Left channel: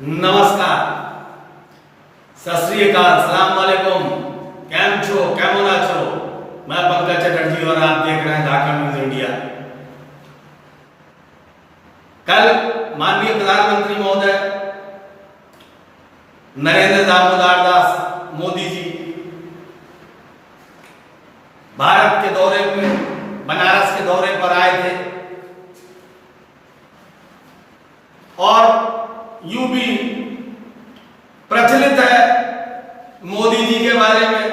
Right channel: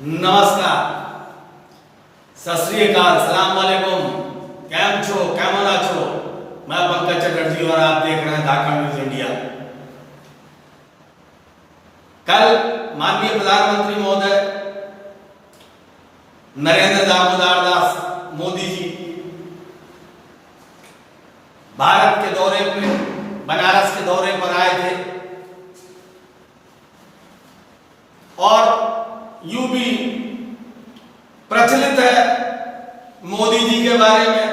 નમસ્કાર, સત શ્રી અકાલ, સલામ वालेकुम, કેમ છો, કેમો ના છો? मैं पंकज चटर्जी और आप देख रहे हैं धाकड़ न्यूज इंडिया। कल माननीय प्रधानमंत्री महोदय नरेंद्र दामोदर दास मोदी जी भारत के दौरे में बनारस के दौरे पर आए थे और यूं भी प्रचलित है मोदी जी के बारे में,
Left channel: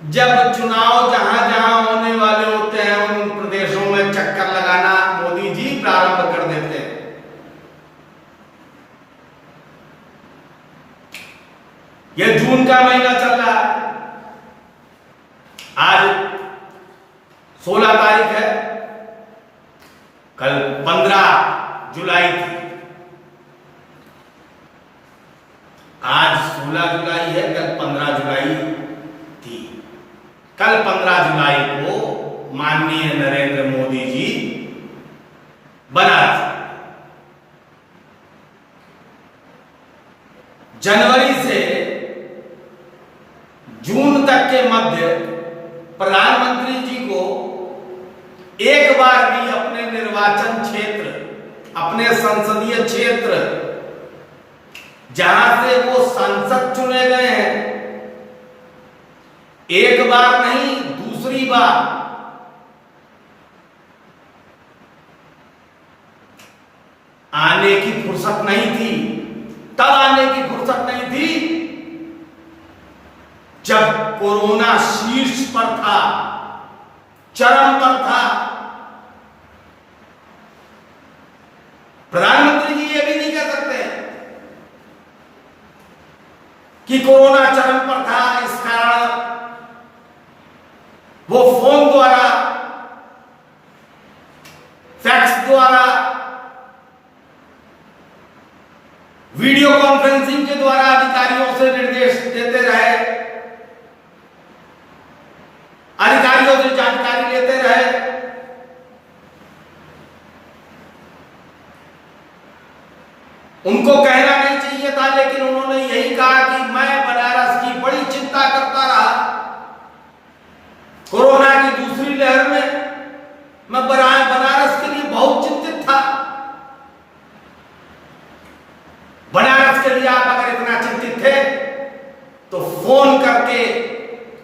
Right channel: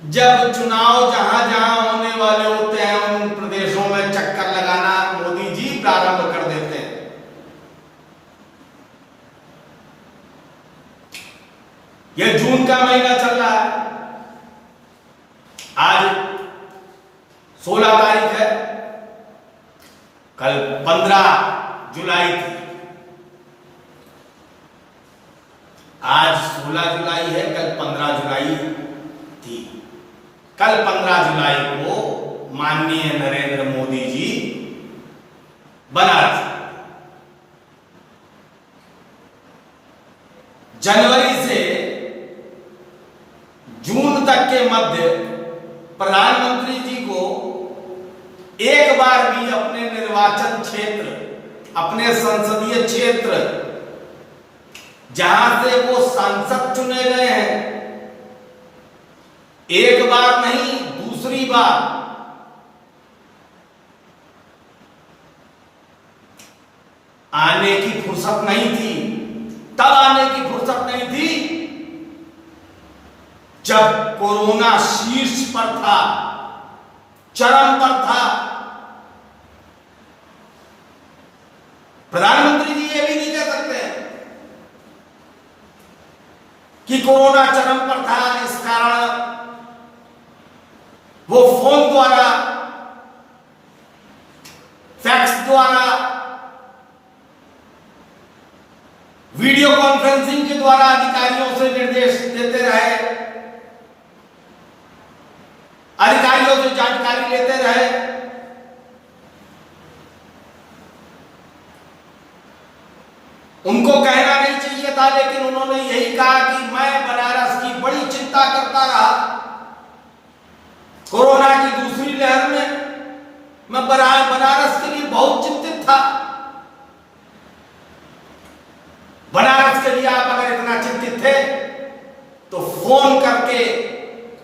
जब चुनाव जहां जहां होने वाले होते हैं उन प्रदेशों में चक्कर लगाना मोदी जी प्रारंभ कर देते हैं। यह जून का महीना चल रहा है, आज 16 तारीख है, कल 15 जुलाई थी। आज 16 जुलाई है, कल 15 जुलाई थी। कल 15 जुलाई को माननीय नरेंद्र मोदी जी बनारस, जनवरी से जून तक के मध्य प्रधानमंत्री जी को एक बार भी अपने निर्वाचन क्षेत्र, अपने संसदीय क्षेत्र जहां से वो सांसद चुने गए हैं, एक बार नहीं दूसरी बार आने की फुर्सत नहीं थी। तब आने की फुर्सत नहीं थी जब कोरोना शीर्ष पर था, चरम पर था। प्रधानमंत्री जी ये भी नहीं कह सकते कि कोरोना चरम पर था, इस कारण वो फोन द्वारा, फैक्स द्वारा, वीडियो कॉन्फ्रेंसिंग के द्वारा अधिकारियों से निर्देश देते रहे, अधिकारियों से जानकारी लेते रहे। उनको कहना नहीं चाहिए था, लेकिन उन्होंने यही कहा कि मैं बनारस की बड़ी चिंता करता रहा। कोरोना की दूसरी लहर में मैं बनारस के लिए बहुत चिंतित था। बनारस के लिए आप अगर इतना चिंतित थे तो फोन करके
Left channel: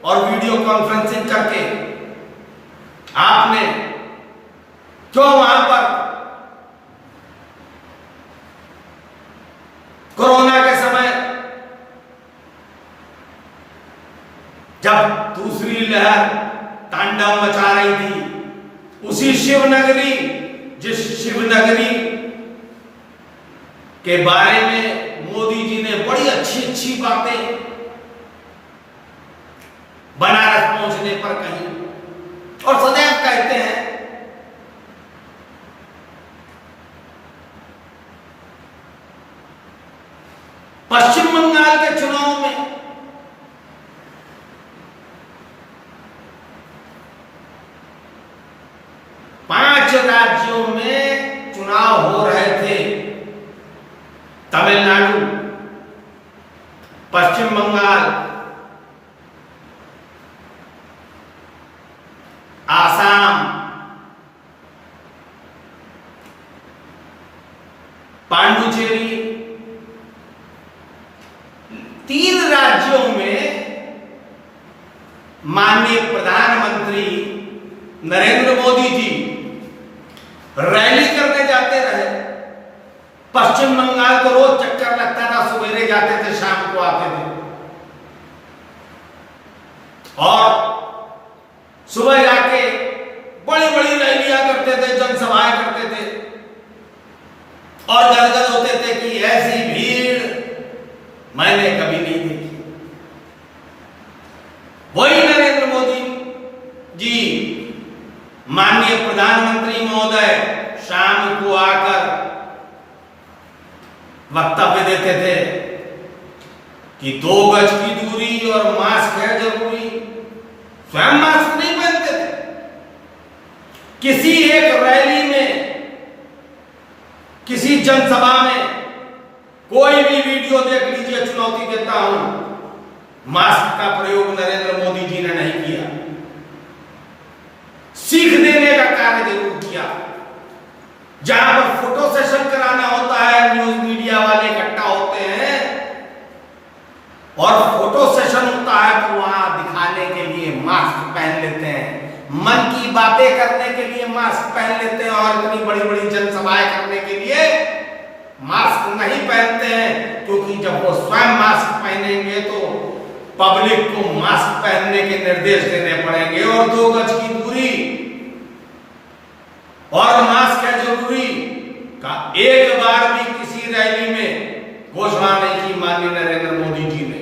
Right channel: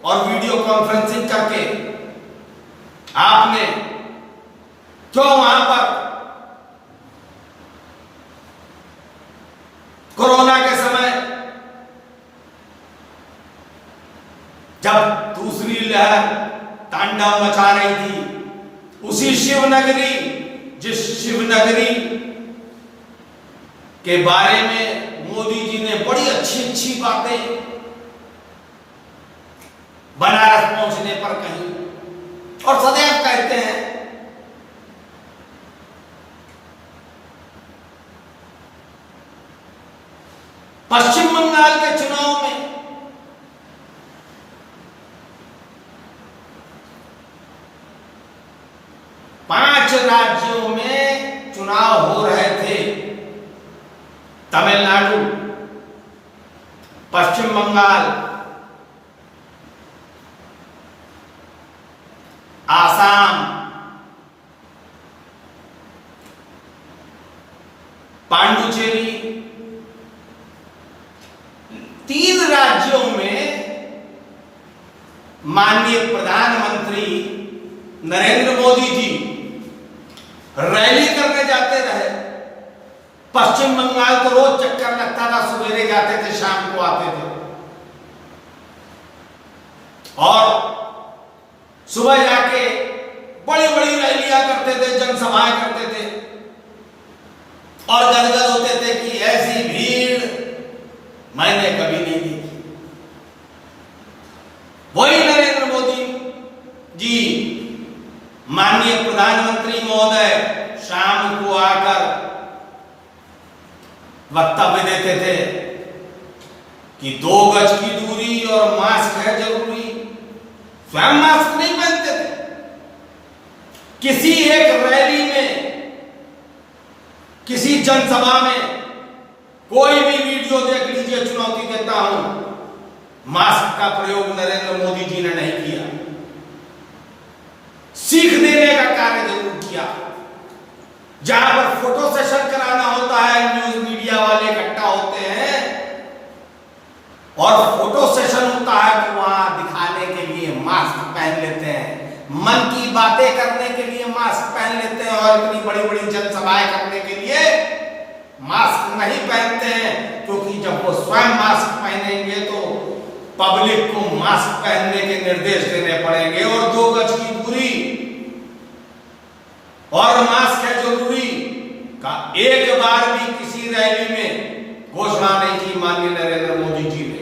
और वीडियो कॉन्फ्रेंसिंग करके आपने क्यों वहां पर कोरोना के समय, जब दूसरी लहर तांडव मचा रही थी, उसी शिवनगरी, जिस शिवनगरी के बारे में मोदी जी ने बड़ी अच्छी अच्छी बातें बनारस पहुंचने पर कही और सदैव कहते हैं। पश्चिम बंगाल के चुनाव में पांच राज्यों में चुनाव हो रहे थे, तमिलनाडु, पश्चिम बंगाल, आसाम, पांडुचेरी, तीन राज्यों में माननीय प्रधानमंत्री नरेंद्र मोदी जी रैली करने जाते रहे। पश्चिम बंगाल को रोज चक्कर लगता था, सवेरे जाते थे, शाम को आते थे और सुबह जाके बड़ी बड़ी रैलियां करते थे, जनसभाएं करते थे और गदगद होते थे कि ऐसी भीड़ मैंने कभी नहीं देखी। वही नरेंद्र मोदी जी, माननीय प्रधानमंत्री महोदय, शाम को आकर वक्तव्य देते थे कि 2 गज की दूरी और मास्क है जरूरी। स्वयं मास्क नहीं पहनते थे। किसी एक रैली में, किसी जनसभा में कोई भी वीडियो देख लीजिए, चुनौती देता हूं, मास्क का प्रयोग नरेंद्र मोदी जी ने नहीं किया। सीख देने का कार्य जरूर किया। जहां पर फोटो सेशन कराना होता है, न्यूज मीडिया वाले इकट्ठा होते हैं और फोटो सेशन होता है, तो वहां दिखाने के लिए मास्क पहन लेते हैं, मन की बातें करने के लिए मास्क पहन लेते हैं, और इतनी बड़ी बड़ी जनसभाएं करने के लिए मास्क नहीं पहनते हैं, क्योंकि जब वो स्वयं मास्क पहनेंगे तो पब्लिक को मास्क पहनने के निर्देश देने पड़ेंगे, और 2 गज की दूरी और मास्क है जरूरी का एक बार भी किसी रैली में घोषणा नहीं की माननीय नरेंद्र मोदी जी ने।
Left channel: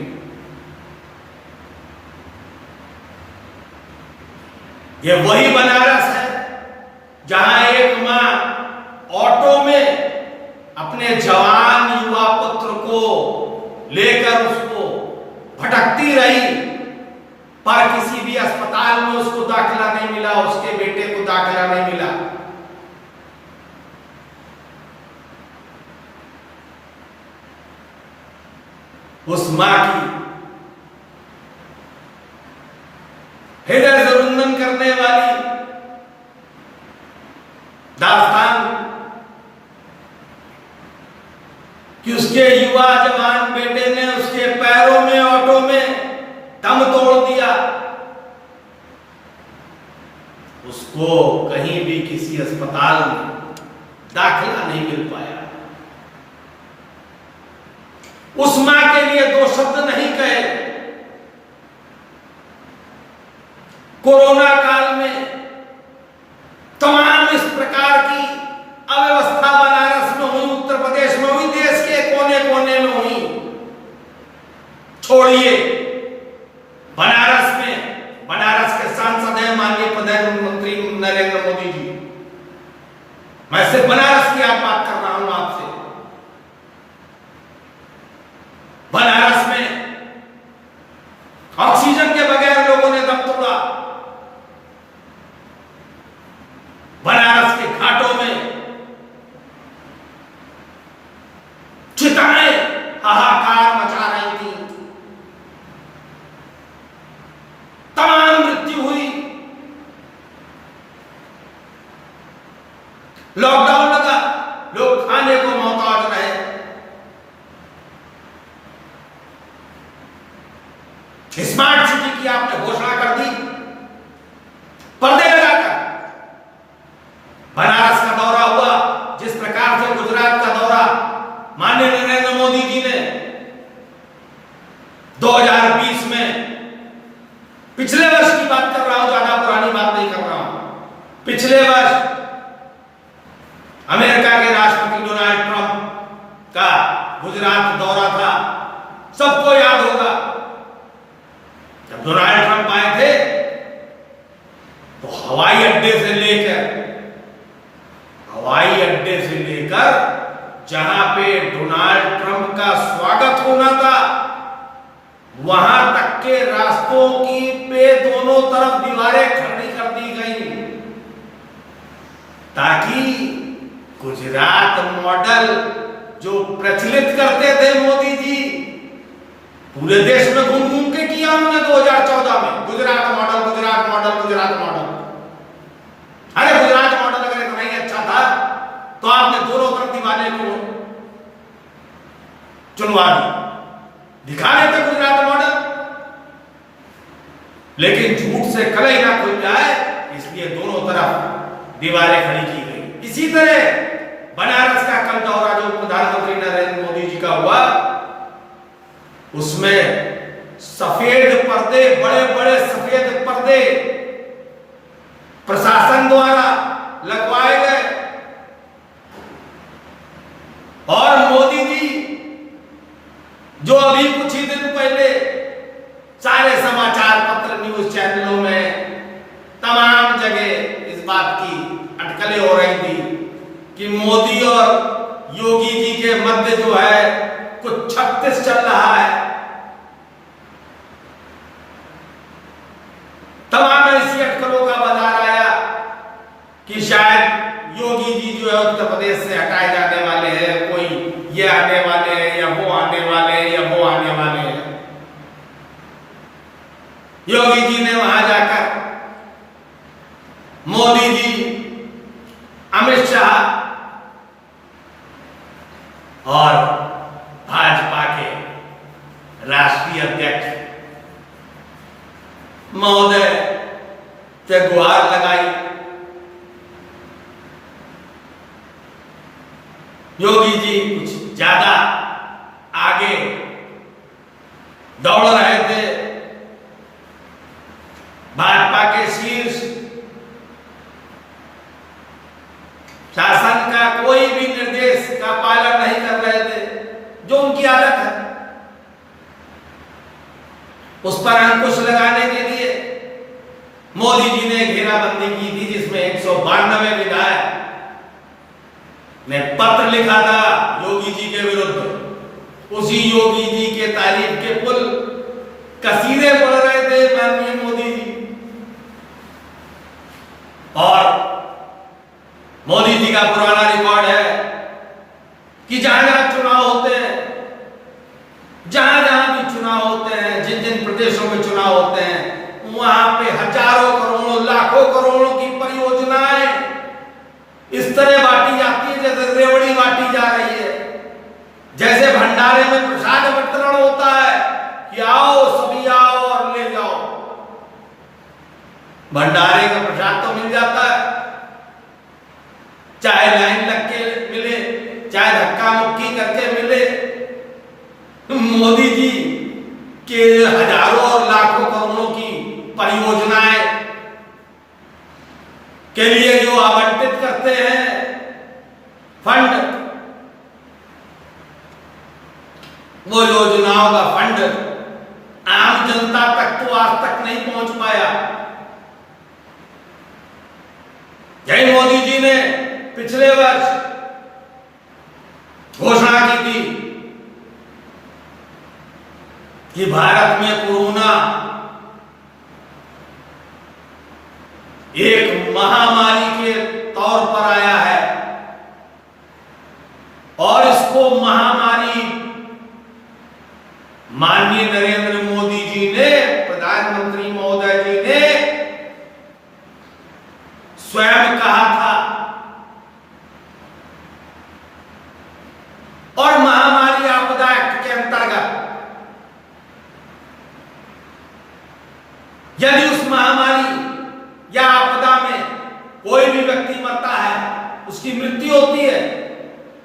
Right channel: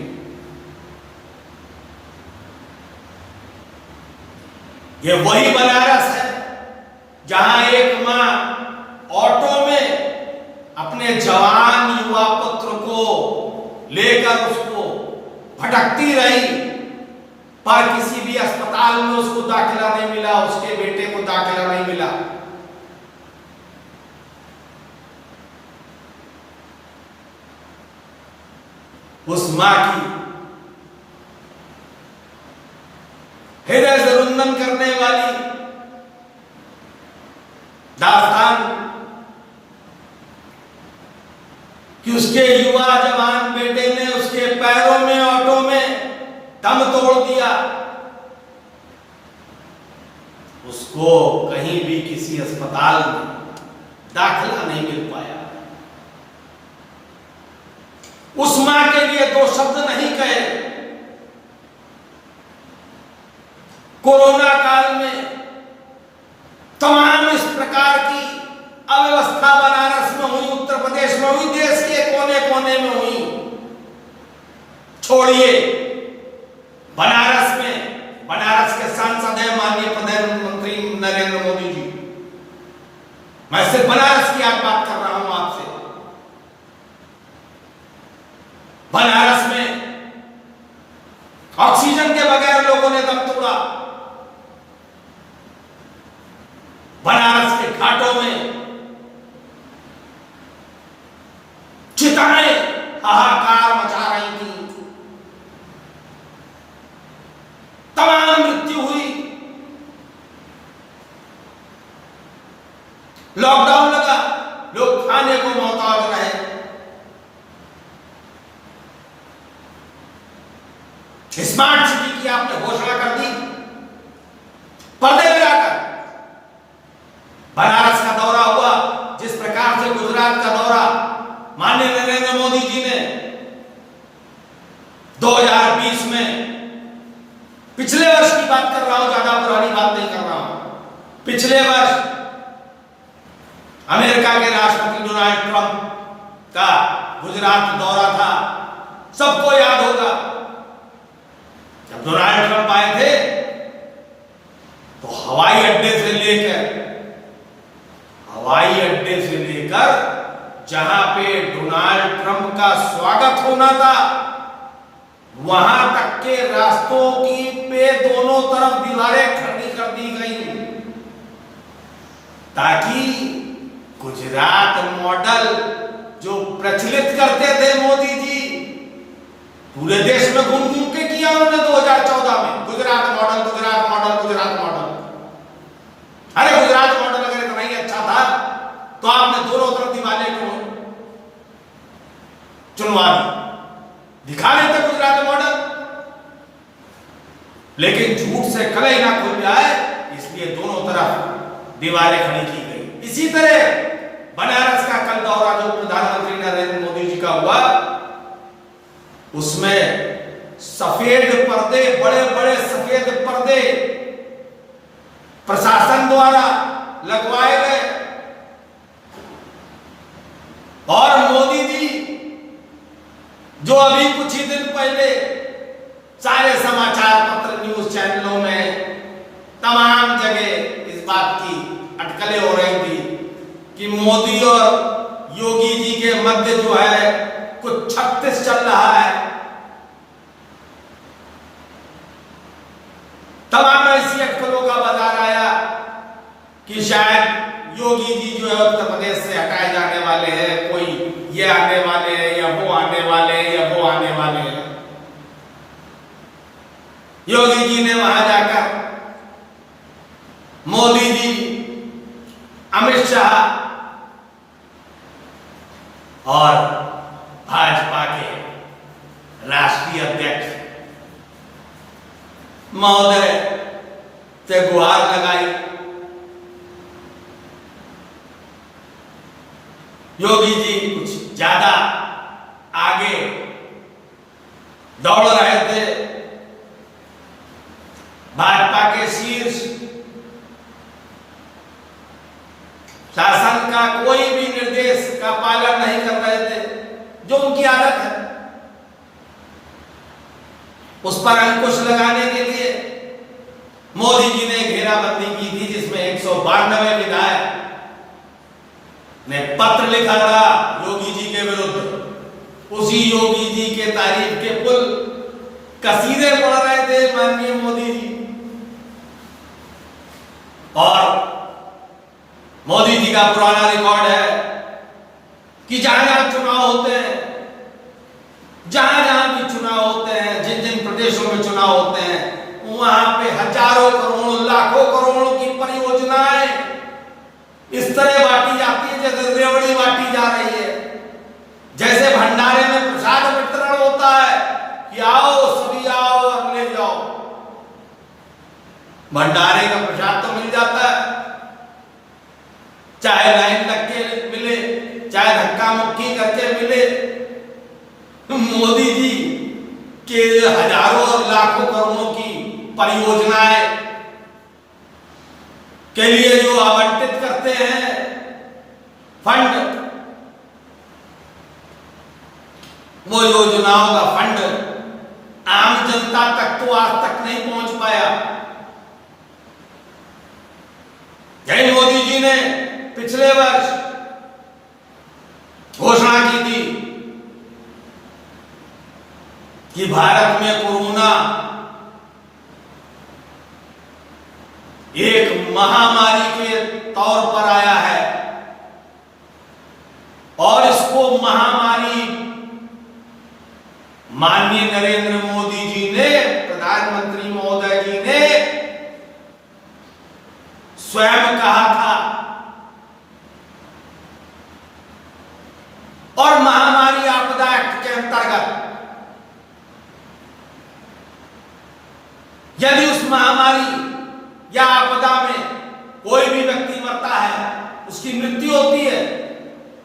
ये वही बनारस है जहां एक मां ऑटो में अपने जवान युवा पुत्र को लेकर उसको भटकती रही, पर किसी भी अस्पताल में उसको दाखिला नहीं मिला, उसके बेटे को दाखिला नहीं मिला। उस मां की हृदय से रुंदन करने वाली दास्तान कि उसके युवा जवान बेटे ने उसके पैरों में ऑटो में दम तोड़ दिया, उसको कहीं भी किसी अस्पताल में दाखिला नहीं मिल पाया। उस मां के लिए 2 शब्द नहीं कहे। कोरोना काल में तमाम इस प्रकार की अव्यवस्था बनारस में हुई, उत्तर प्रदेश में हुई, देश के कोने कोने में हुई। छोड़िए बनारस में, बनारस के सांसद हैं माननीय प्रधानमंत्री नरेंद्र मोदी जी। मैं सिर्फ बनारस की आज बात कर रहा हूं आपसे। बनारस में ऑक्सीजन के बगैर लोगों ने दम तोड़ा। बनारस के घाटों में चिताएं हाहाकार मचा रही थी, तमाम मृत्यु हुई। लॉकडाउन लगा, लोग खाने को मोहताज रहे। स्मार्ट सिटी की आपने घोषणा कर दी पर्दे लगाकर। बनारस का दौरा हुआ, जिस प्रकार से गुजरात का दौरा माननीय नरेंद्र मोदी जी ने 2020 में, पिछले वर्ष की बात कर रहा हूं, ज्यादा पुरानी बात नहीं कर रहा हूं, पिछले वर्ष अमेरिका के राष्ट्रपति डोनाल्ड ट्रंप का गुजरात दौरा था। सबको याद होगा, जब डोनाल्ड ट्रंप आए थे तो हवाई अड्डे से लेकर जहां पे डोनाल्ड ट्रंप का स्वागत होना था, वहां तक के रास्तों की पे दोनों तरफ दीवारें खड़ी कर दी गई, ताकि गुजरात मॉडल जो प्रचलित करते थे मोदी जी, पूरे देश में घूम घूम के किया उन्होंने 2014 में, Gujarat model, Gujarat model, Gujarat model. अरे गुजरात मॉडल अगर इतना ही अच्छा था तो आपने दोनों तरफ दीवारें क्यों चुनवा दी, दिखा देते गुजरात मॉडल। लेकिन झूठ से कलई ना खुल जाए, इसलिए दोनों तरफ दीवारें खड़ी की गई। इसी तरह बनारस का कल दौरा जो प्रधानमंत्री नरेंद्र मोदी जी का हुआ, उसमें सफेद पर्दे, बड़े बड़े सफेद पर्दे प्रशासन द्वारा लगवाए गए, और मोदी जी जो अभी कुछ ही दिन पहले सारे समाचार पत्र, न्यूज चैनलों में, तमाम जगह इस बात की अटकलें हो रही थी कि मोदी और योगी जी के मध्य जो है कुछ 36 चल रहा है। तमाम ऐसी अटकलों का बाजार आया कि शायद योगी जी जो है उत्तर प्रदेश से हटाए जाने वाले हैं, कोई ये आने वाले हैं या वो आने वाले हैं या वो आने वाले हैं। योगी जी ने वहां जाकर मोदी जी, अमित शाह और भाजपा के राष्ट्रीय अध्यक्ष महोदय से गुहार लगाई। योगी जी कुछ ज्यादा आगे दौड़ रहे थे। भाजपा के शीर्ष शासन का कोई भी निर्देश का पालन नहीं कर रहे थे, जो उनकी आदत है। उस पर अंकुश लगाने के लिए मोदी जी ने घेराबंदी की थी, जिसमें 192 विधायक ने पत्र लिखा था योगी जी के विरुद्ध। उसी योगी जी के तारीफ के पुल कसीदे पढ़ रहे थे माननीय मोदी जी। और मोदी जी का पुराना रिकॉर्ड है कि जहां जहां चुनाव होते हैं, जहां जहां भी चुनाव होते हैं, जिन जिन प्रदेशों में चुनाव होते हैं, वहां पे हजारों करोड़ों लाखों करोड़ों की परियोजनाएं इस तरह बांटी जाती है जैसे रेवड़ी बांटी जा रही है। जैसे भंडारे में प्रसाद वितरण होता है कि आओ सभी आओ और ले जाओ। भंडारे का प्रसाद तो मिल जाता है, चाहे लाइन लग के मिले, चाहे धक्का मुक्की करके मिले। मोदी जी के हजारों और लाखों करोड़ों की परियोजनाएं के लिए जो आवंटित करते हैं फंड, वो योजनाओं का फंड आम जनता तक तो आज तक नहीं पहुंच पाया। यही मोदी जी ने पिछले वर्ष घोषणा की थी कि भारत में कोरोना एक महामारी के तौर पर आया है और इसको महामारी माननीय नरेंद्र मोदी जी ने, प्रधानमंत्री महोदय जी ने स्वयं कहा था। और महामारी आपदा एक्ट के अंतर्गत यदि उस महामारी या आपदा में कोई भी व्यक्ति मरता है, उसकी मृत्यु होती है,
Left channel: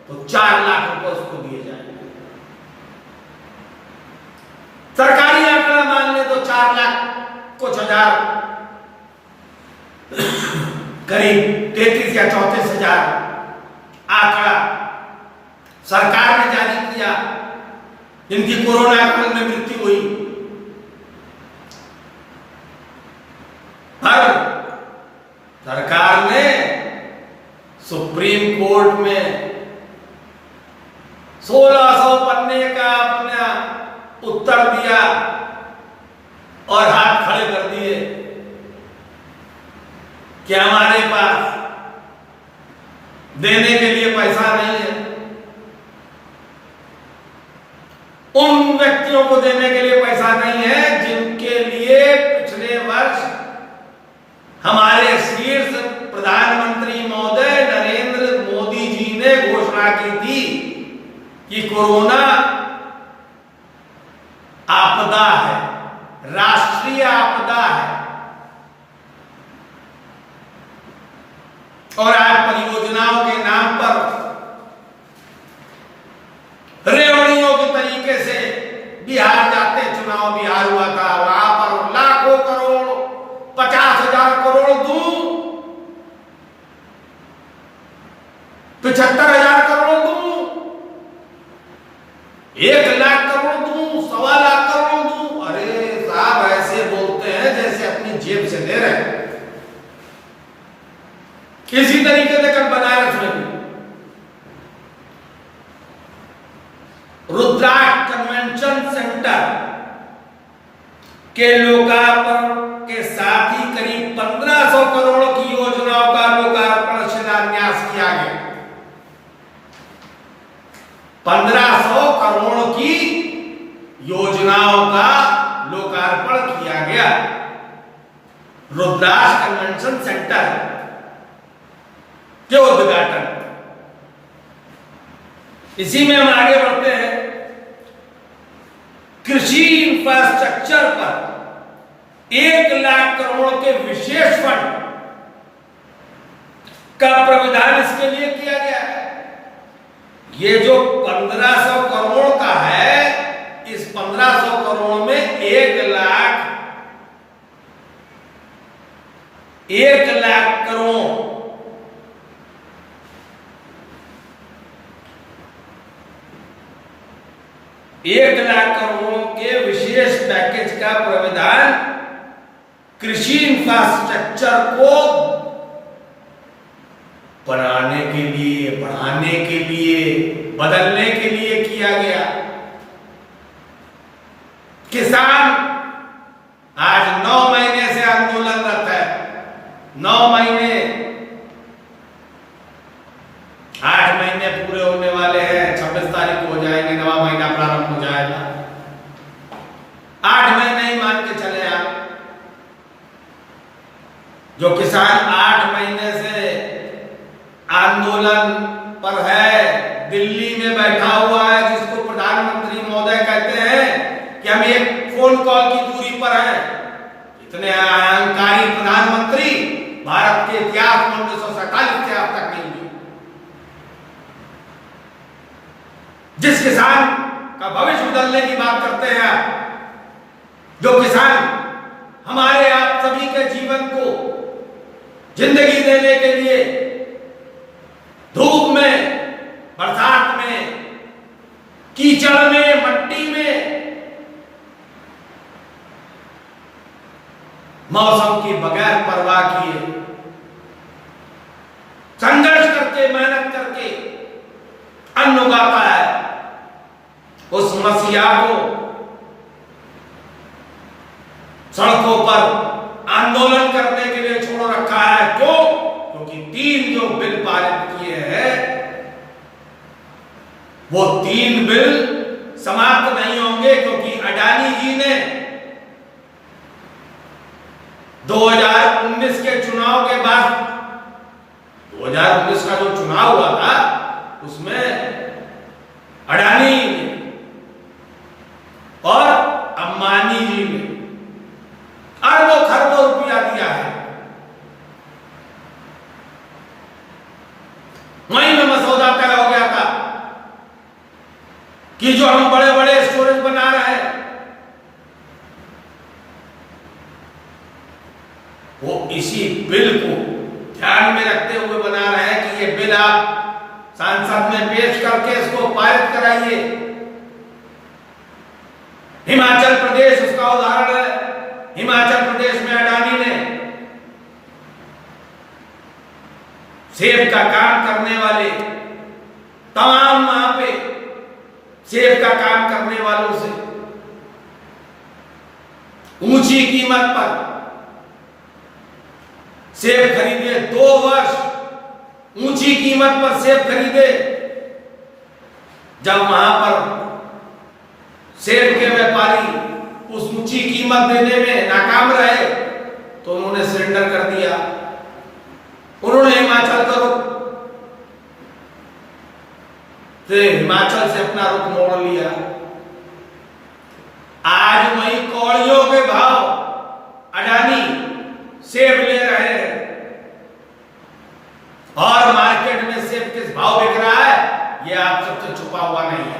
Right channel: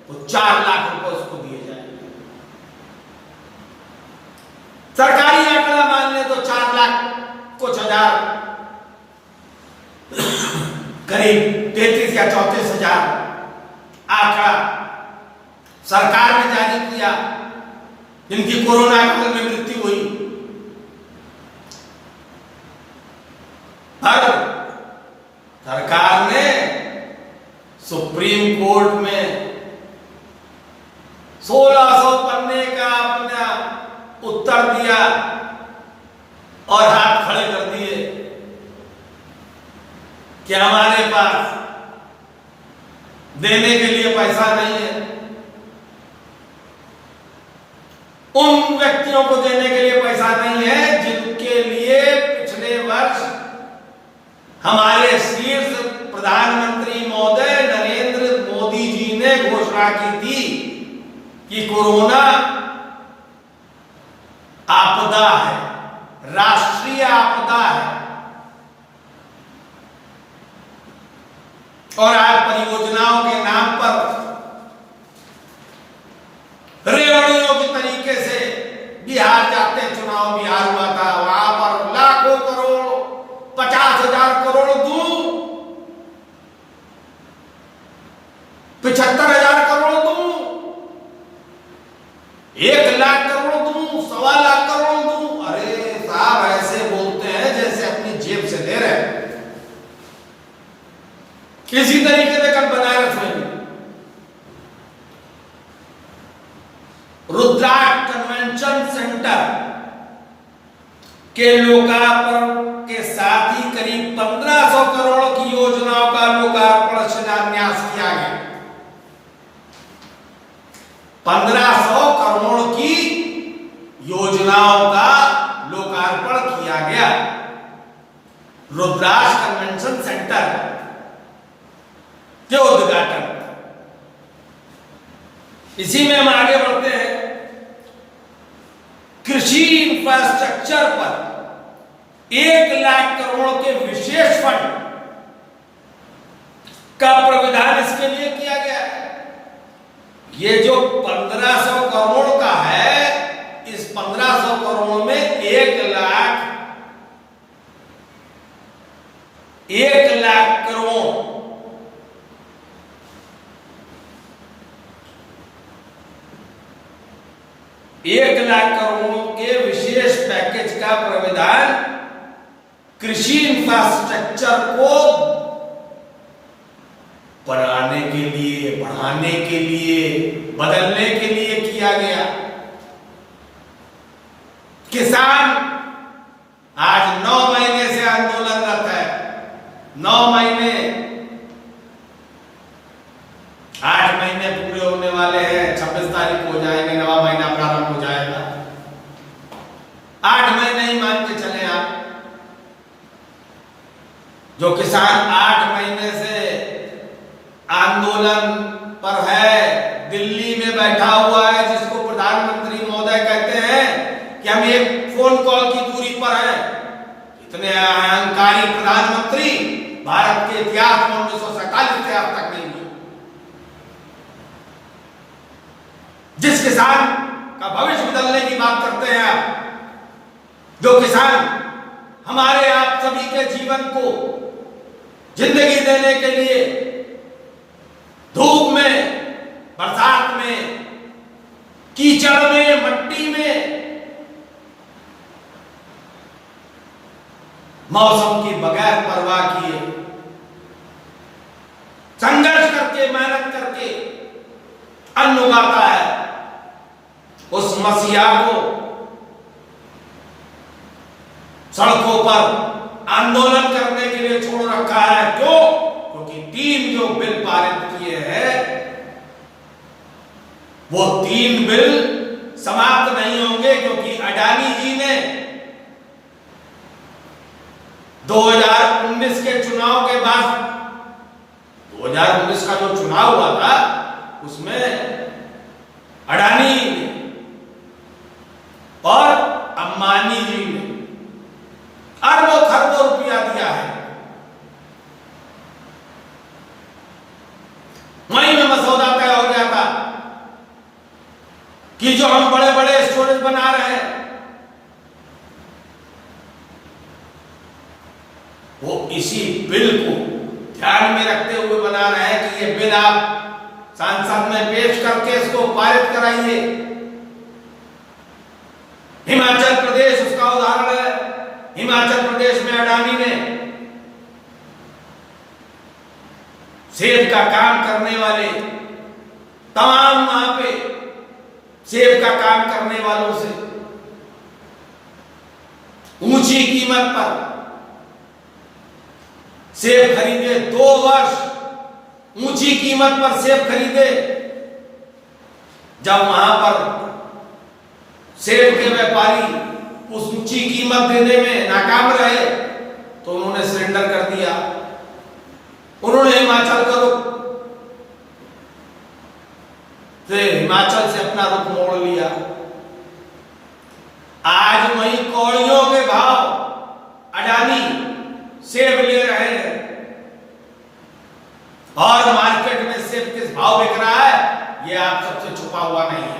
तो 4 लाख रुपए उसको दिए जाएंगे। सरकारी आंकड़ा मान ले तो 4 लाख कुछ हजार, करीब 33 या 34 हजार आंकड़ा सरकार ने जारी किया जिनकी कोरोना काल में मृत्यु हुई। पर सरकार ने सुप्रीम कोर्ट में 1600 पन्ने का अपना उत्तर दिया और हाथ खड़े कर दिए कि हमारे पास देने के लिए पैसा नहीं है। उन व्यक्तियों को देने के लिए पैसा नहीं है जिनके लिए पिछले वर्ष हमारे शीर्ष प्रधानमंत्री महोदय नरेंद्र मोदी जी ने घोषणा की थी कि कोरोना आपदा है, राष्ट्रीय आपदा है। और आज परियोजनाओं के नाम पर रेवड़ियों के तरीके से बिहार जाते, चुनाव बिहार हुआ था, वहां पर लाखों करोड़, 50,000 करोड़ दूं, 75,000 करोड़ दूं, 1 लाख करोड़ दूं, 1.25 लाख करोड़ दूं। अरे साहब, ऐसे बोलते हैं जैसे अपनी जेब से दे रहे हैं। इसी तरीके से कल बनारस में भी रुद्राक्ष कन्वेंशन सेंटर के लोकार्पण के साथ ही करीब 1500 करोड़ की योजनाओं का लोकार्पण शिलान्यास किया गया। 1500 करोड़ की योजनाओं का लोकार्पण किया गया रुद्राक्ष कन्वेंशन सेंटर के उद्घाटन। इसी में हम आगे बढ़ते हैं। कृषि इंफ्रास्ट्रक्चर पर 1 लाख करोड़ के विशेष फंड का प्रावधान इसके लिए किया गया है। ये जो 1500 करोड़ का है, इस 1500 करोड़ में 1 लाख करोड़ एक लाख करोड़ के विशेष पैकेज का प्रावधान कृषि इंफ्रास्ट्रक्चर को बनाने के लिए, बढ़ाने के लिए, बदलने के लिए किया गया। किसान आज 9 महीने से आंदोलनरत है। 9 महीने, 8 महीने पूरे होने वाले हैं। 26 तारीख को हो जाएंगे, नवा महीना प्रारंभ हो जाएगा। 8 महीने ही मान के चले आप। जो किसान 8 महीने से आंदोलन पर है, दिल्ली में बैठा हुआ है, जिसको प्रधानमंत्री महोदय कहते हैं कि हम एक फोन कॉल की दूरी पर हैं। इतने अहंकारी प्रधानमंत्री भारत के इतिहास में 1947 से अब तक नहीं हुए। जिस किसान का भविष्य बदलने की बात करते हैं आप, जो किसान हमारे आप सभी के जीवन को जिंदगी देने के लिए धूप में, बरसात में, कीचड़ में, मट्टी में, मौसम की बगैर परवाह किए संघर्ष करके, मेहनत करके अन्न उगाता है, उस मसीहा को सड़कों पर आंदोलन करने के लिए छोड़ रखा है। क्यों? क्योंकि 3 जो बिल पारित किए हैं, वो 3 बिल समाप्त नहीं होंगे, क्योंकि अडानी जी ने 2019 के चुनाव के बाद, 2019 का जो चुनाव हुआ था, उसमें अडानी ने और अंबानी जी ने अरबों खरबों रुपया दिया है। वहीं में मसौदा तय हो गया था कि जो हम बड़े बड़े स्टोरेज बना रहे हैं, वो इसी बिल को ध्यान में रखते हुए बना रहे हैं कि ये बिल आप संसद में पेश करके इसको पारित कराइए। हिमाचल प्रदेश उसका उदाहरण है। हिमाचल प्रदेश में अडानी ने सेब का काम करने वाले तमाम, वहां पे सेब का काम करने वालों से ऊंची कीमत पर सेब खरीदे। 2 वर्ष ऊंची कीमत पर सेब खरीदे। जब वहां पर सेब के व्यापारी उस ऊंची कीमत देने में नाकाम रहे, तो उन्होंने सरेंडर कर दिया। उन्होंने हिमाचल का रुख से, हिमाचल से अपना रुख मोड़ लिया। आज वही कौड़ियों के भाव अडानी सेब ले रहे हैं, और मार्केट में सेब किस भाव बिक रहा है, यह आप सबसे छुपा हुआ नहीं है।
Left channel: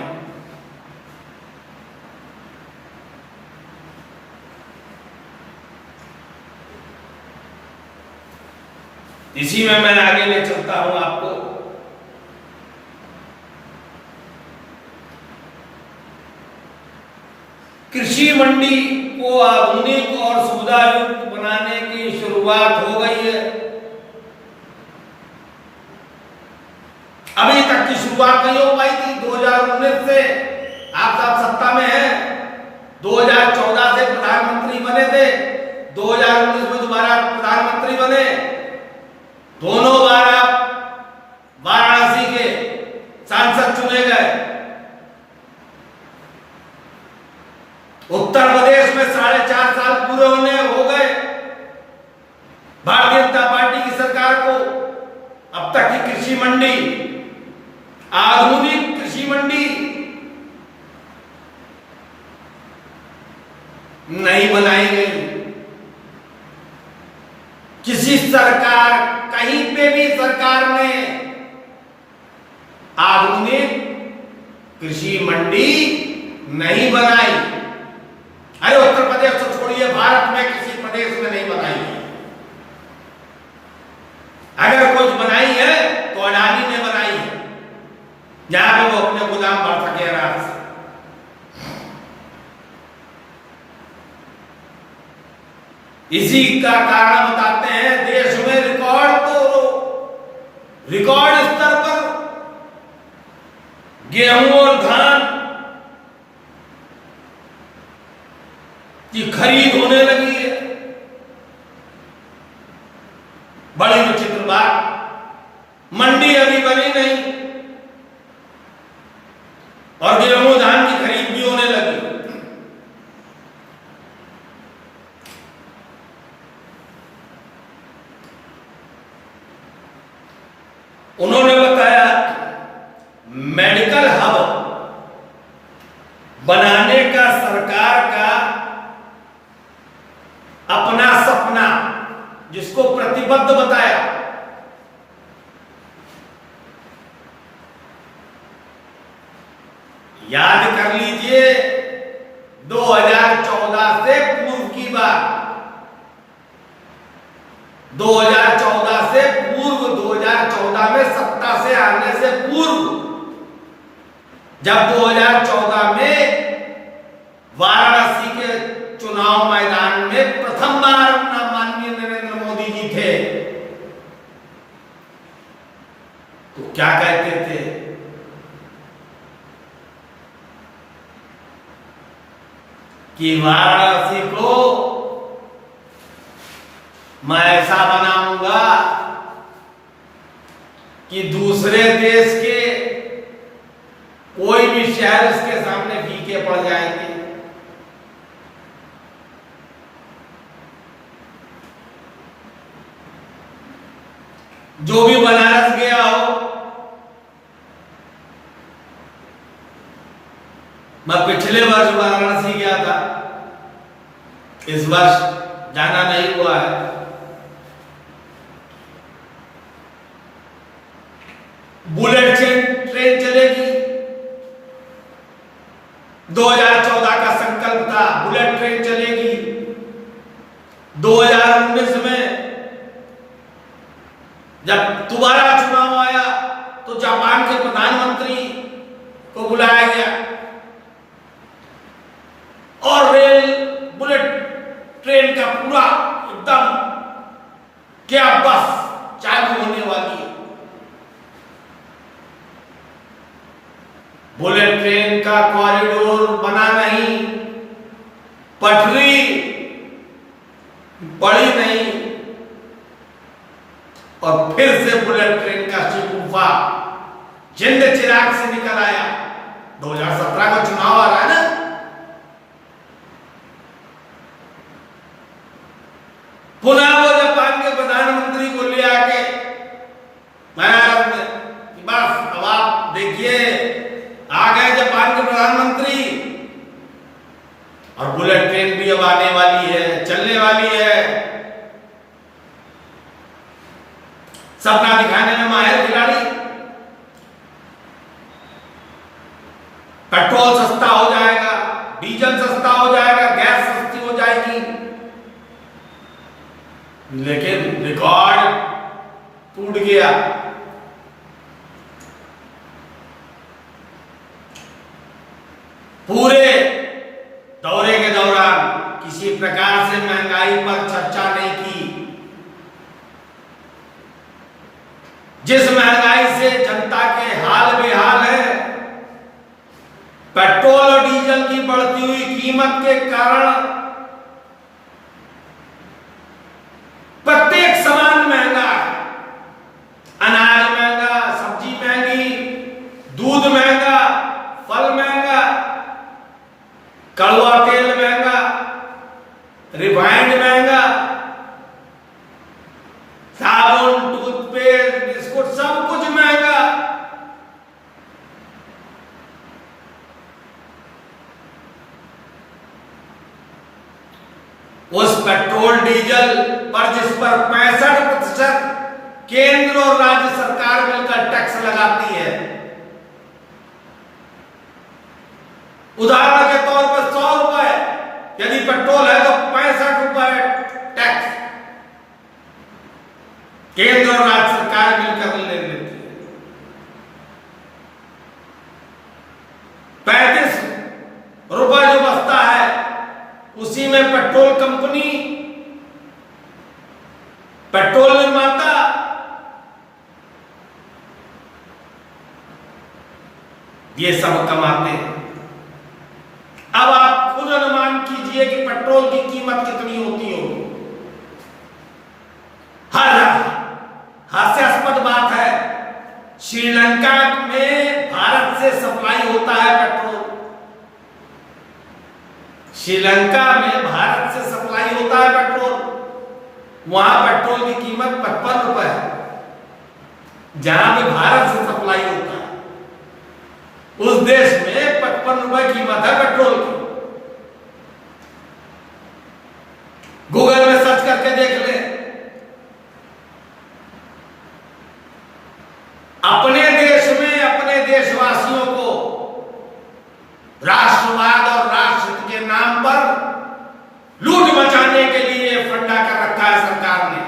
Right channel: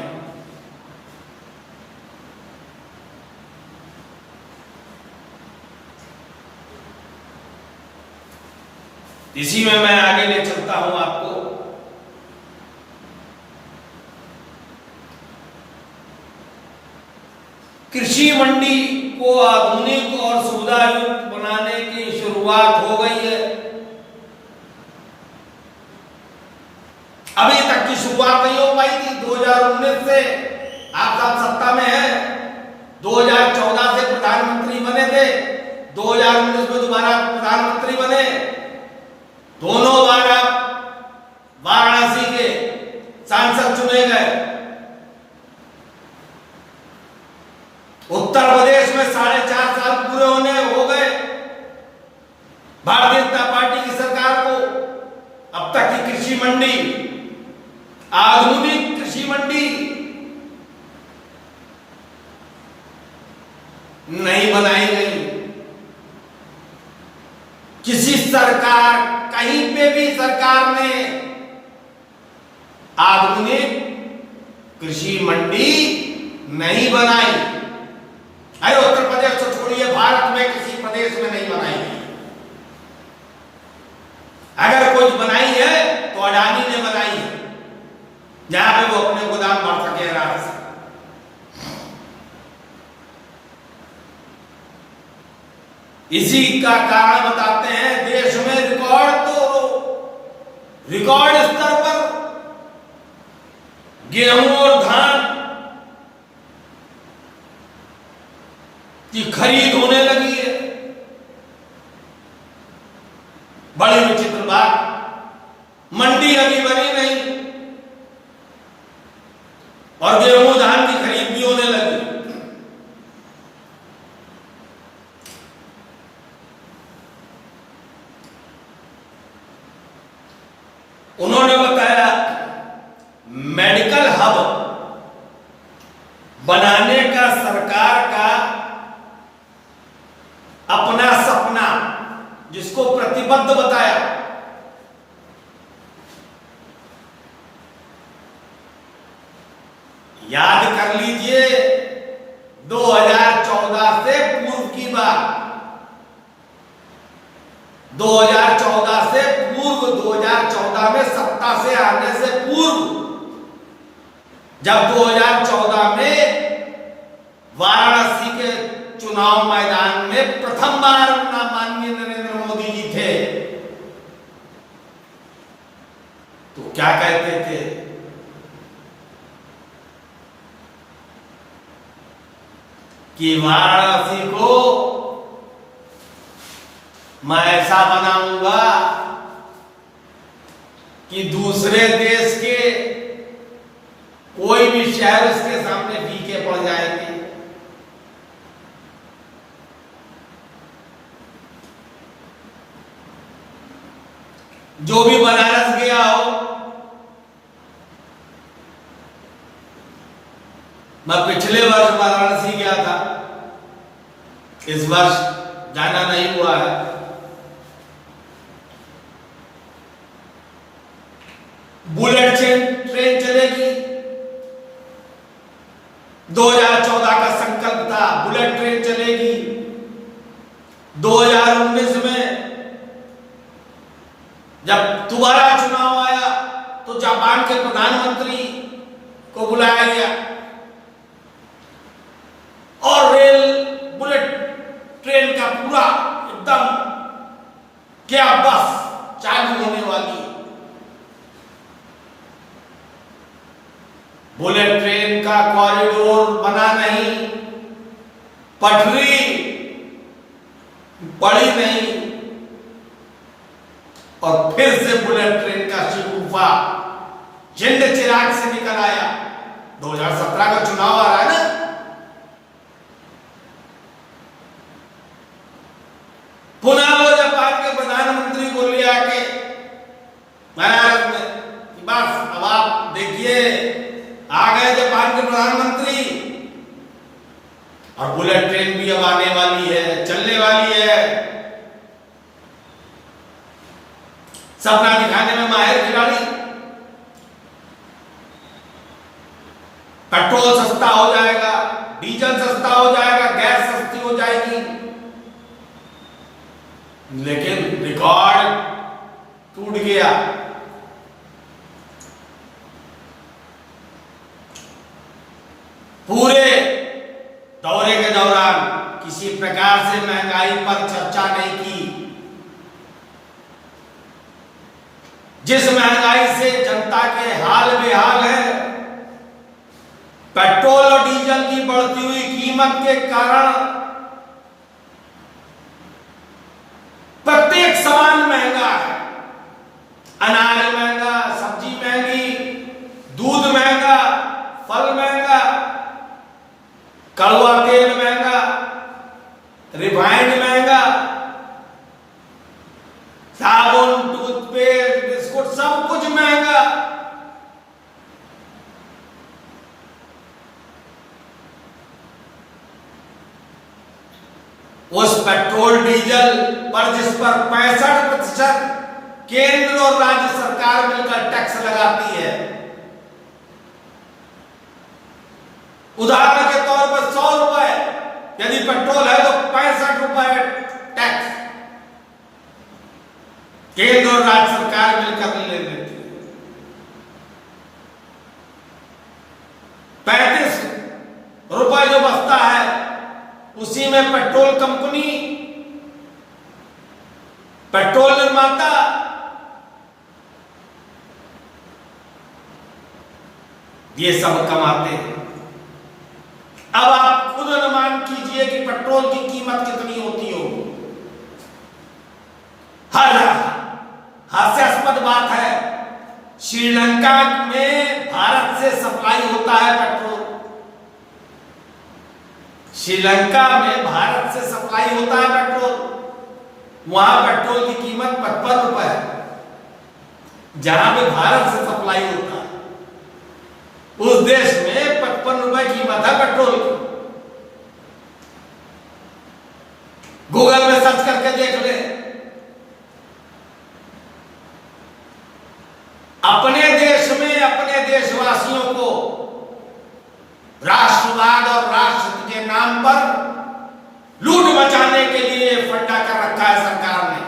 इसी में मैं आगे ले चलता हूं आपको। कृषि मंडी को आधुनिक और सुविधायुक्त बनाने की शुरुआत हो गई है। अभी तक की शुरुआत नहीं हो पाई थी। 2019 से आप सब सत्ता में हैं, 2014 से प्रधानमंत्री बने थे, 2019 में दोबारा प्रधानमंत्री बने। दोनों बार आप वाराणसी के सांसद चुने गए। उत्तर प्रदेश में 4.5 साल पूरे होने हो गए भारतीय जनता पार्टी की सरकार को। अब तक की कृषि मंडी, आधुनिक कृषि मंडी नहीं बनाई गई। किसी सरकार, कहीं पे भी सरकार ने आधुनिक कृषि मंडी नहीं बनाई। अरे उत्तर प्रदेश तो छोड़िए, भारत में किसी प्रदेश में नहीं बनाई है। अगर कुछ बनाई है तो अडानी ने बनाई है, जहां पे वो अपने गोदाम भर सके आराम से। इसी का कारण बताते हैं, देश में रिकॉर्ड स्तर पर गेहूं और धान की खरीद होने लगी है। बड़ी विचित्र बात, मंडी अभी बनी नहीं और गेहूं धान की खरीद भी होने लगी। उन्होंने बताया मेडिकल हब बनाने का सरकार का अपना सपना, जिसको प्रतिबद्ध बताया। याद कर लीजिए 2014 से पूर्व की बात, 2014 से पूर्व, 2014 में सत्ता से आने से पूर्व, जब 2014 में वाराणसी के चुनाव मैदान में प्रथम बार माननीय नरेंद्र मोदी जी थे, तो क्या कहते थे? कि वाराणसी को मैं ऐसा बनाऊंगा कि दूसरे देश के कोई भी शहर उसके सामने फीके पड़ जाएंगे। जो भी बनारस गया हो, मैं पिछले वर्ष वाराणसी गया था, इस वर्ष जाना नहीं हुआ है। बुलेट ट्रेन चलेगी, 2014 का संकल्प था बुलेट ट्रेन चलेगी। 2019 में जब दोबारा चुनाव आया तो जापान के प्रधानमंत्री को बुलाया गया और बुलेट ट्रेन का पूरा एकदम क्या बस चालू होने वाली है। बुलेट ट्रेन का कॉरिडोर बना नहीं, पटरी पड़ी नहीं, और फिर से बुलेट ट्रेन का शिकूफा जिंद चिराग से निकल आया। 2017 का चुनाव आ रहा है ना, पुनः वो जापान के प्रधानमंत्री को ले आके बनारस में कि बस अब आप देखिए आ गए जापान के प्रधानमंत्री और बुलेट ट्रेन भी अब आने वाली है, चलने वाली है। सपना दिखाने में माहिर खिलाड़ी। पेट्रोल सस्ता हो जाएगा, डीजल सस्ता हो जाएगा, गैस सस्ती हो जाएगी, लेकिन रिकॉर्ड टूट गया। पूरे दौरे के दौरान किसी प्रकार से महंगाई पर चर्चा नहीं की। जिस महंगाई से जनता के हाल बेहाल है, पेट्रोल और डीजल की बढ़ती हुई कीमत के कारण प्रत्येक सामान महंगा है। अनाज महंगा, सब्जी महंगी, दूध महंगा, फल महंगा, कड़वा तेल महंगा, उस पेट्रोल डीजल पर जिस पर 65% केंद्र और राज्य सरकार मिलकर टैक्स लगाती है, उदाहरण के तौर पर 100 रुपए यदि पेट्रोल है तो 65 रुपए टैक्स केंद्र और राज्य सरकार मिलकर ले लेती है। 35 रुपए जो बचता है उसी में पेट्रोल कंपनी, पेट्रोल निर्माता ये सब कमाते हैं। अब आप खुद अनुमान कीजिए कि पेट्रोल की कीमत कितनी होती होगी। हास्यास्पद बात है, श्रीलंका में भारत से सप्लाई होता है पेट्रोल, श्रीलंका में भारत से सप्लाई होता है पेट्रोल, वहां पेट्रोल की कीमत 55 रुपए है। जहां पे भारत से सप्लाई होता है उस देश में 55 रुपए कीमत है पेट्रोल की। गूगल में सर्च करके देख ले, अपने देश में अपने देशवासियों को राष्ट्रवाद और राष्ट्र के नाम पर लूट मचाने के लिए फंडा कर रखा है सरकार ने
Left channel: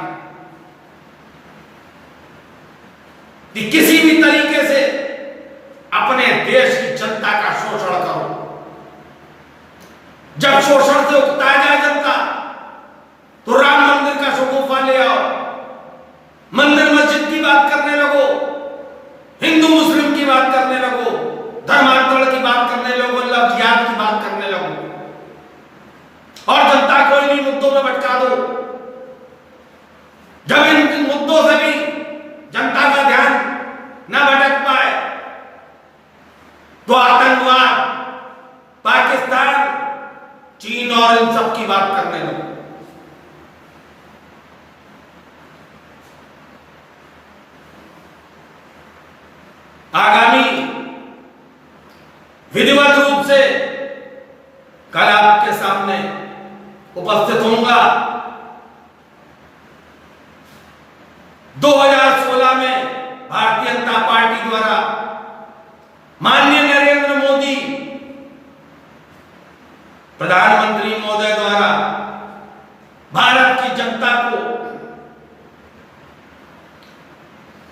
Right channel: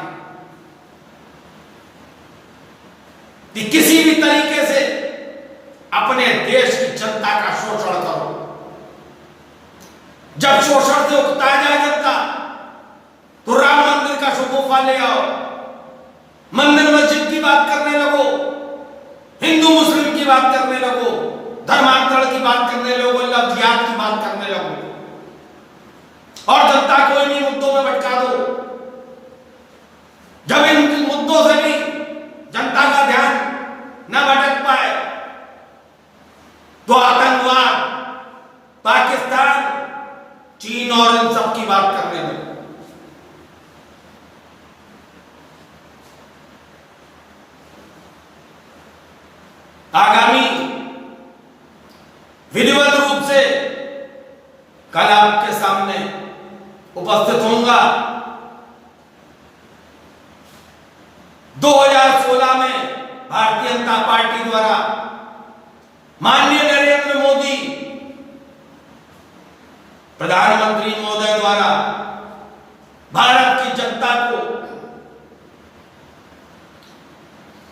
कि किसी भी तरीके से अपने देश की जनता का शोषण करो। जब शोषण से उकताया जाए जनता तो राम मंदिर का शगुफा ले आओ, मंदिर मस्जिद की बात करने लगो, हिंदू मुस्लिम की बात करने लगो, धर्मांतरण की बात करने लगो, लव जिहाद की बात करने लगो और जनता को इन्हीं मुद्दों में भटका दो। जब इन मुद्दों से भी जनता का ध्यान न भटक पाए तो आतंकवाद, पाकिस्तान, चीन और इन सब की बात करने लगो। आगामी विधिवत रूप से कल आपके सामने उपस्थित होऊंगा। 2016 में भारतीय जनता पार्टी द्वारा माननीय नरेंद्र मोदी प्रधानमंत्री महोदय द्वारा भारत की जनता को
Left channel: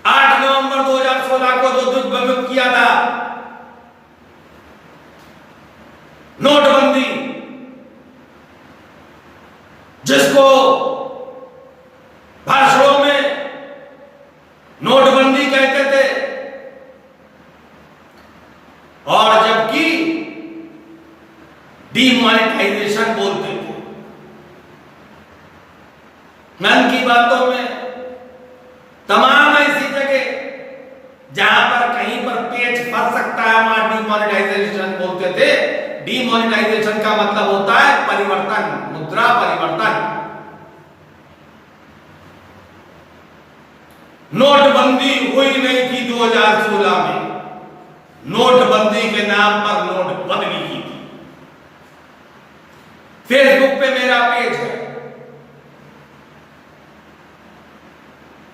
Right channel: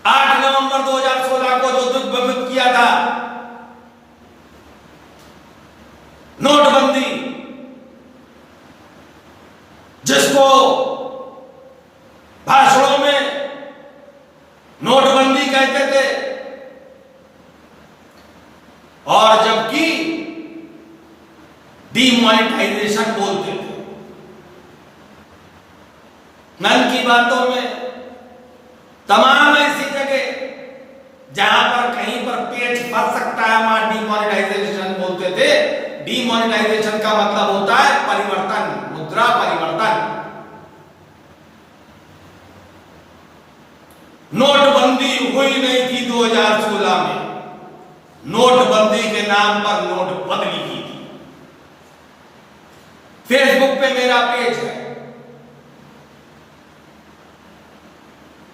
8 नवंबर 2016 को जो दिग्भ्रमित किया था, नोटबंदी, जिसको भाषणों में नोटबंदी कहते थे और जबकि डीमोनेटाइजेशन बोलते थे। मन की बातों में तमाम ऐसी जगह जहां पर कहीं पर पेच फंस सकता है वहां डीमोनेटाइजेशन बोलते थे। डीमोनेटाइजेशन का मतलब होता है परिवर्तन, मुद्रा परिवर्तन। नोटबंदी हुई नहीं थी 2016 में, नोटबंदी के नाम पर नोट बदली की थी। फेसबुक पे मेरा पेज है,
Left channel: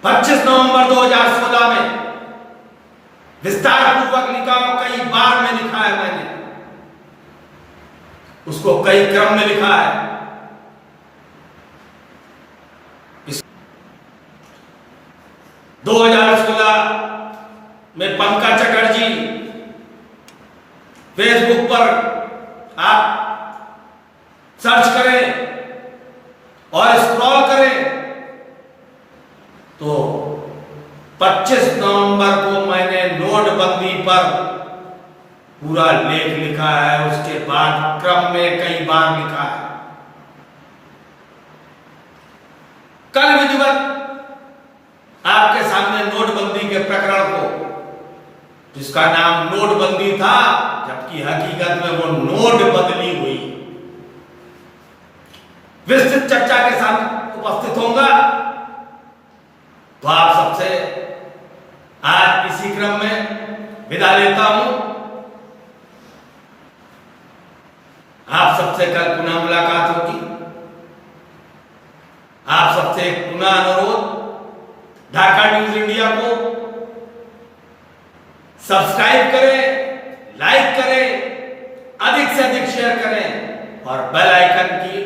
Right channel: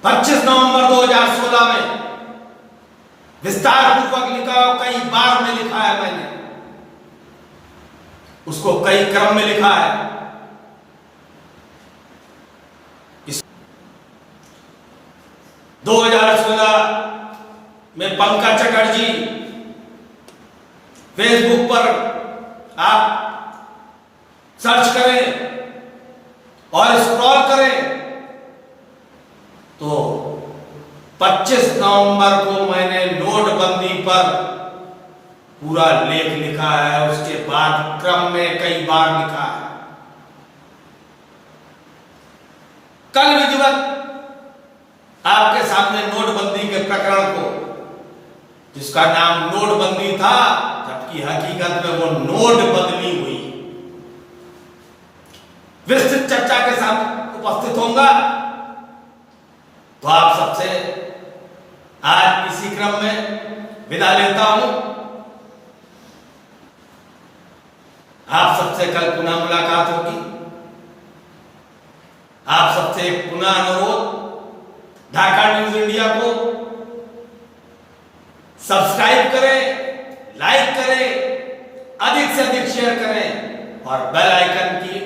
25 नवंबर 2016 में विस्तार पूर्वक लिखा हो, कई बार में लिखा है मैंने उसको, कई क्रम में लिखा है। 2016 में पंकज चटर्जी फेसबुक पर आप सर्च करें और स्क्रॉल करें तो 25 नवंबर को मैंने नोटबंदी पर पूरा लेख लिखा है। उसके बाद क्रम में कई बार लिखा है। कल विधिवत आपके सामने नोटबंदी के प्रकरण को, जिसका नाम नोटबंदी था जबकि हकीकत में वो नोट बदली हुई, विस्तृत चर्चा के साथ उपस्थित होऊंगा। तो आप सबसे आज इसी क्रम में विदा लेता हूं। आप सबसे कल पुनः मुलाकात होगी। आप सबसे एक पुनः अनुरोध, ढाका न्यूज इंडिया को सब्सक्राइब करें, लाइक करें, अधिक से अधिक शेयर करें और बेल आइकन की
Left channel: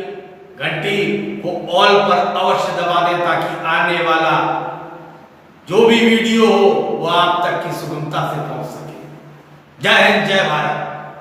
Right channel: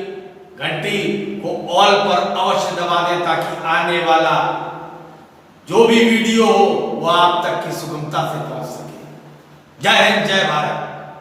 घंटी को ऑल पर अवश्य दबा दें ताकि आने वाला जो भी वीडियो हो वो आप तक की सुगमता से पहुंच सके। जय हिंद, जय भारत।